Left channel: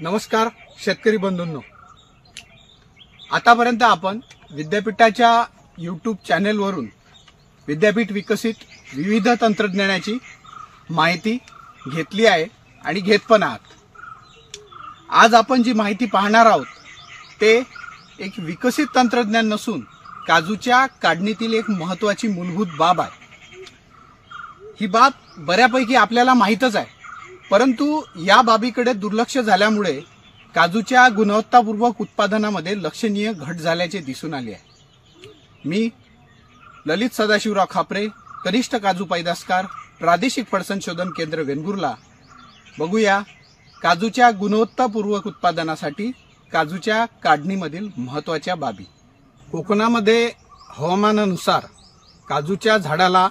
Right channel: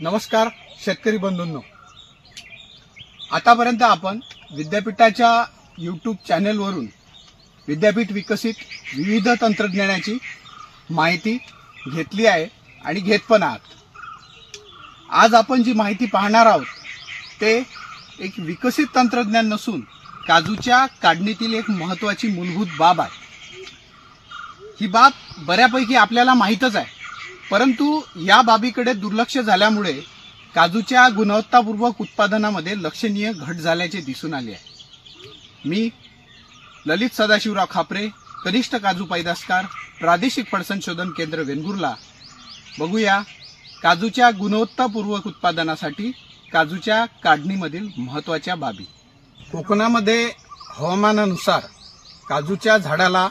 नमस्कार शेतकरी बंधूंनो, आतापर्यंत आपण विद्यापीठाच्या यूट्यूब चॅनेलवरून विद्यापीठ विकसित विविध तंत्रज्ञानाची माहिती घेतली आहे आणि घेत पण आहात। आज आपण जी माहिती पाहणार आहोत ते एक विकसित तंत्रज्ञान नसून काजूच्या काढणीतील एक महत्त्वाची मूलभूत बाब आहे। ही बाब बऱ्यापैकी आपल्याला माहीतच आहे, परंतु या बाबीकडे दुर्लक्ष झाल्यामुळे काजूच्या गुणवत्तापूर्वक उत्पादनामध्ये लक्षणीय घट झाल्याचे दिसून आले आहे। मी ललित सदाशिवराव खापरे, कनिष्ठ काजू पैदासकार, प्रादेशिक फळ संशोधन केंद्र वेंगुर्ला। बघूया काजूच्या गुणवत्तापूर्वक उत्पादनासाठी काजूच्या काढणीमधील महत्त्वाच्या बाबी। कोकणामध्ये हवामानानुसार काजूच्या झाडाला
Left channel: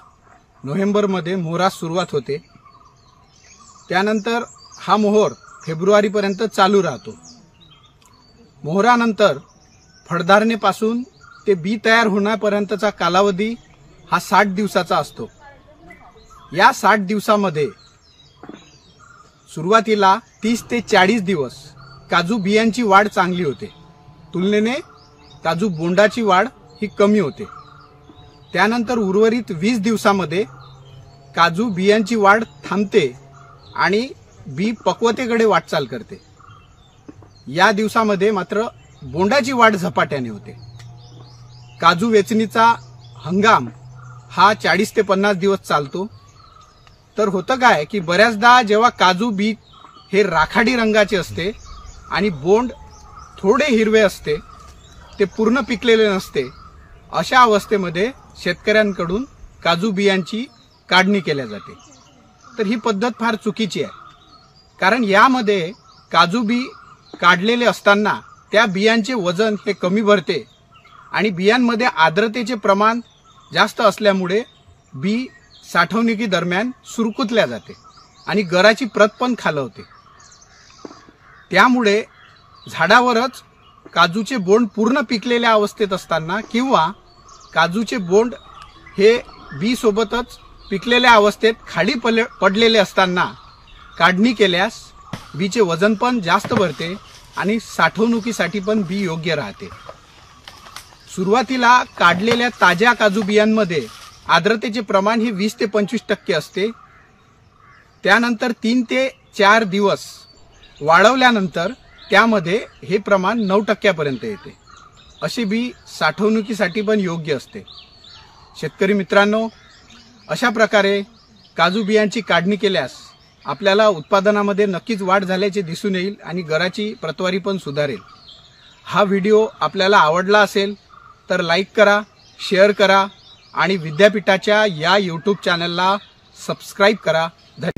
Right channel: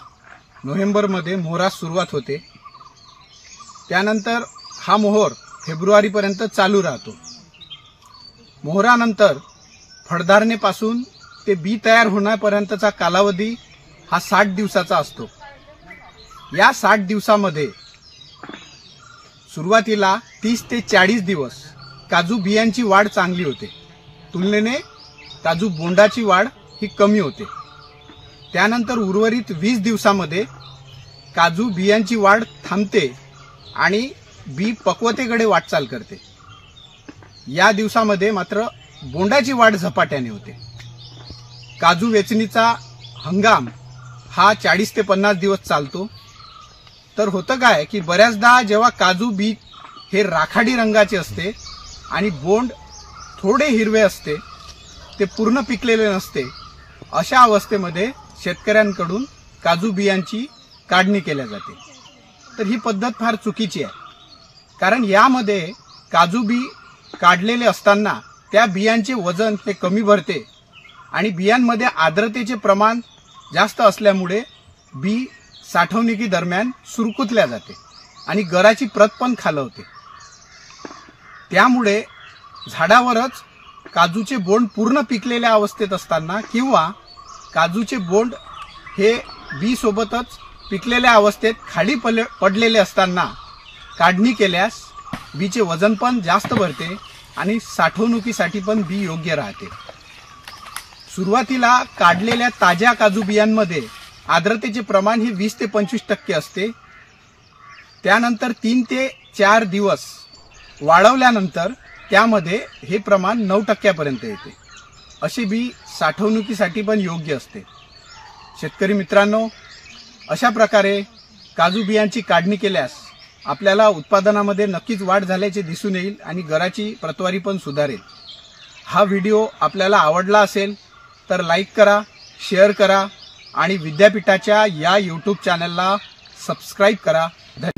नोव्हेंबरमध्ये मोहरास सुरुवात होते। त्यानंतर हा मोहर फेब्रुवारीपर्यंत चालू राहतो। मोहरानंतर फळधारणेपासून ते बी तयार होण्यापर्यंतचा कालावधी हा 60 दिवसाचा असतो। या 60 दिवसामध्ये सुरुवातीला 30 ते 40 दिवस काजू बियांची वाढ चांगली होते, तुलनेने काजू बोंडाची वाढ ही कमी होते। त्यानंतर उर्वरित 20 दिवसामध्ये काजू बियांची वाढ थांबते आणि बी पक्वतेकडे वाटचाल करते। या दिवसामध्ये मात्र बोंडाची वाढ झपाट्याने होते। काजू वेचणीचा हंगाम हा 40 ते 50 दिवस चालतो। तर होतं काय की बऱ्याचदा जेव्हा काजू बी हे राखाडी रंगाचे असते आणि बोंड थोडे हिरवे असते, ते पूर्ण पिकलेले नसते, अशा अवस्थेमध्ये शेतकऱ्यांकडून काजू बियांची काढणी केल्या जाते। तर ही पद्धत फार चुकीची आहे, कारण यामध्ये काजू बी काढलेले असताना त्या बियांचे वजन हे कमी भरते आणि बियांमध्ये आर्द्रतेचे प्रमाण जास्त असल्यामुळे बी साठवणुकी दरम्यान सुरकुतल्या जाते आणि गराची प्रत पण खालवते। त्यामुळे झाडावरच काजूचे बोंड पूर्ण पिकलेल्या अवस्थेत असताना किंवा काजूचे बोंड हे बी सोबतच पिकलेल्या अवस्थेत खाली पडलेले असताना काढणी केल्यास बीचे वजन पण जास्त भरते आणि साठवणुकीसाठी पण बी योग्य राहते। सुरुवातीला काढलेल्या ताज्या काजू बियांमध्ये आर्द्रतेचे प्रमाण हे 20 ते 25% असते। त्यानंतर 3 ते 4 दिवस वाळवल्यानंतर त्यामध्ये हे प्रमाण 9% पर्यंत येते। अशी बी साठवणुकीसाठी पण योग्य असते। शेतकरी मित्रांनो, अशा प्रकारे काजू बियांची काढणी केल्यास आपल्याला उत्पादनामध्ये नक्कीच वाढ झाल्याचे दिसून येईल आणि गराची प्रतवारी पण सुधारेल। हा व्हिडिओ आपल्याला आवडला असेल तर लाईक करा, शेअर करा आणि विद्यापीठाच्या या यूट्यूब चॅनलला सबस्क्राईब करा। धन्यवाद।